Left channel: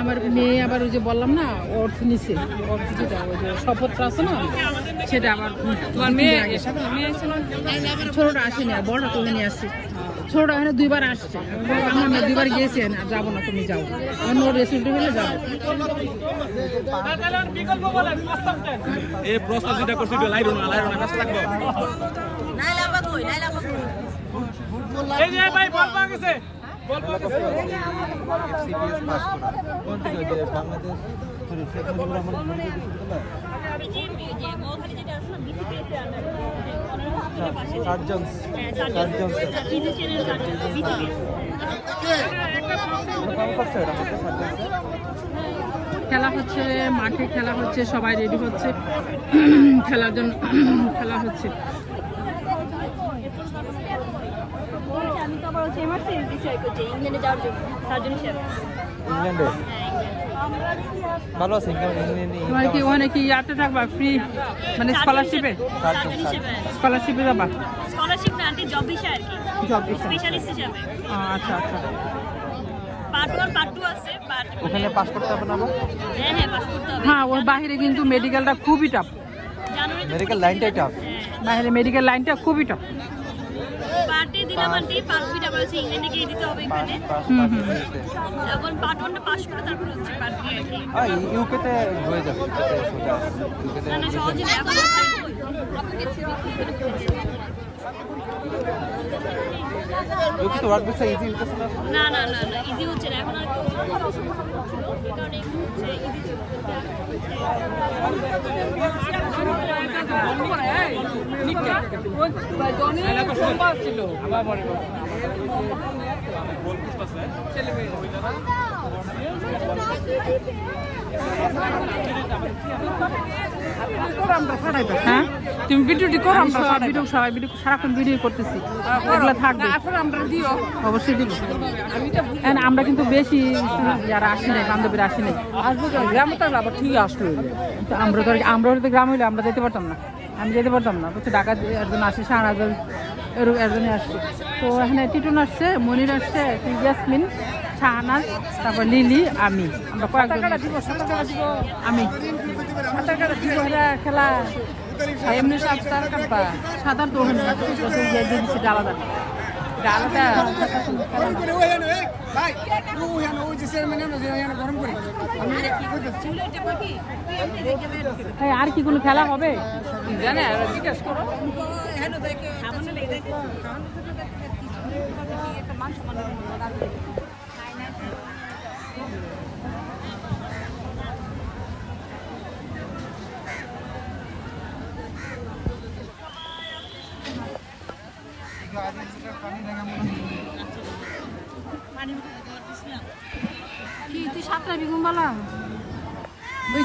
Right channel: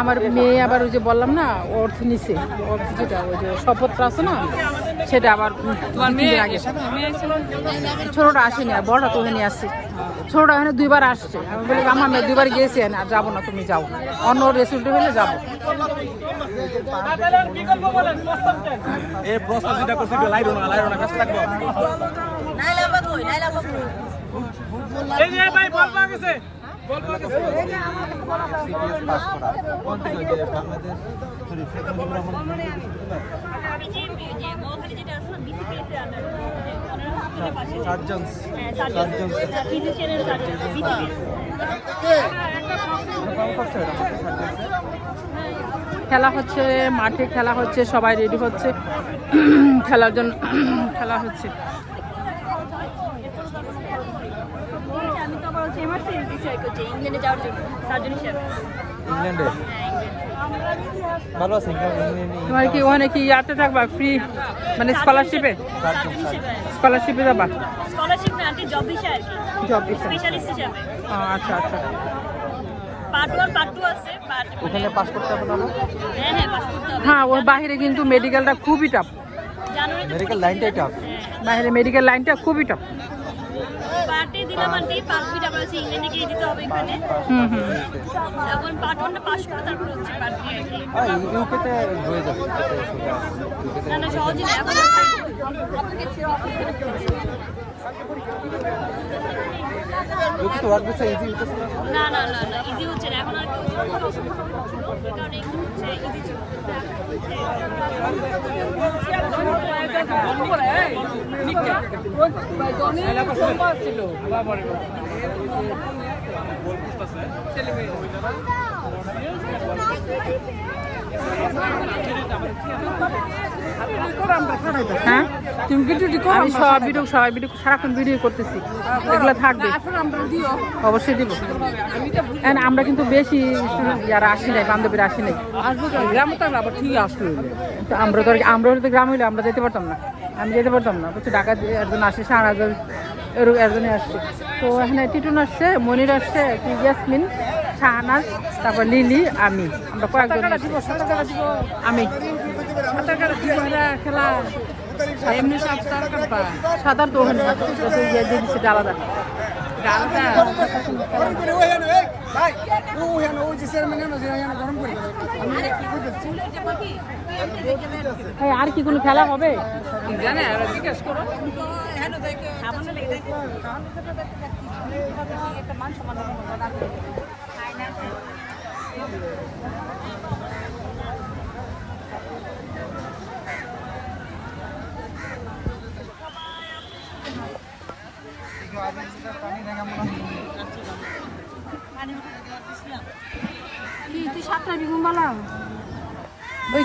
আমার মেয়ে আবার ওই যে বললাম না ওর নিচে যেটা শপথটা আছে না সেটা আবার তোমার মেয়ে আগে ছোটটা আসেনি আর বড়টা তো নিয়ে আসছে ছোটটা এখানে 2বার আসছে আমি বলি আমার মেয়ে 2বার গিয়েছে না যাবো না তুমি যাও অন্য রেস্টুরেন্টে হলে যাবো এই প্রস্তাব যেটা করছি লাইরো না ব্যস্ত থাকবো এই যে ভাই বল পা গেছে এফসিপিএস পাস করা কোন থেকে খেলা হচ্ছে মাঠে খেলা হচ্ছে সবাই রেডি হচ্ছে খেলার জন্য খেলা হচ্ছে ভালো আছে তোমার কি ওখানে কি ইয়াতে থাকবা ফ্রি মানে স্কলারশিপে যাবা স্কলারশিপ না আন্টি জব ভিসা আর কি জব ভিসা স্পেশালিস্ট হিসেবে আচ্ছা আচ্ছা পার্ট 1 পার্ট 2 আছে ওখানে পাস করতে হবে না হ্যাঁ পাস করতে হবে হ্যাঁ ওর বাইরে কিন্তু মেডিকেলটা খুবই টাফ জানুয়ারিতে মেডিকেল লাইনটাই টাফ বাইরে মেডিকেল লাইনটা খুবই টাফ পার্টে দিলাম আন্টি পার্ট 2 টা বলছি ইংল্যান্ডে গিয়ে দিতে হবে এখানে এখন পার্ট 1 টা পাস করে তারপর হচ্ছে পার্ট 3 আর কি ইউকেতে হয়ে যাবে না সহজ না এখন হচ্ছে ইউকে তো ওয়ার্ক ভিসা ইজি হইতেছে না ইজি হচ্ছে না এখন হ্যাঁ তুমি ভিডিওটি করো আমি সবাই ভিডিও সারাক্ষণ ভিডিও করতেছি এগুলো থাকবে অবশ্যই দিব আমরা কিন্তু বেশি যারা আসি নাই বান্ধবীরা আসি নাই আমরা তো গ্রাম হইলে আমরা যেতে পারতাম না আমি যেতে পারতাম না বুঝছি ঢাকা একজন আসছে শাহনাজের একজনে আসছে তো এখানে টিটুন আসছে মনির আসছে ইয়াসমিন শাহনাজ তারপর লিলি আমি আমরা কয়েকজন আমি খেলা সাঁতার তো ওখানে আলাদা আর কি কোনো খেলা হবে কি তুই 7টা বিগুন বলা ওই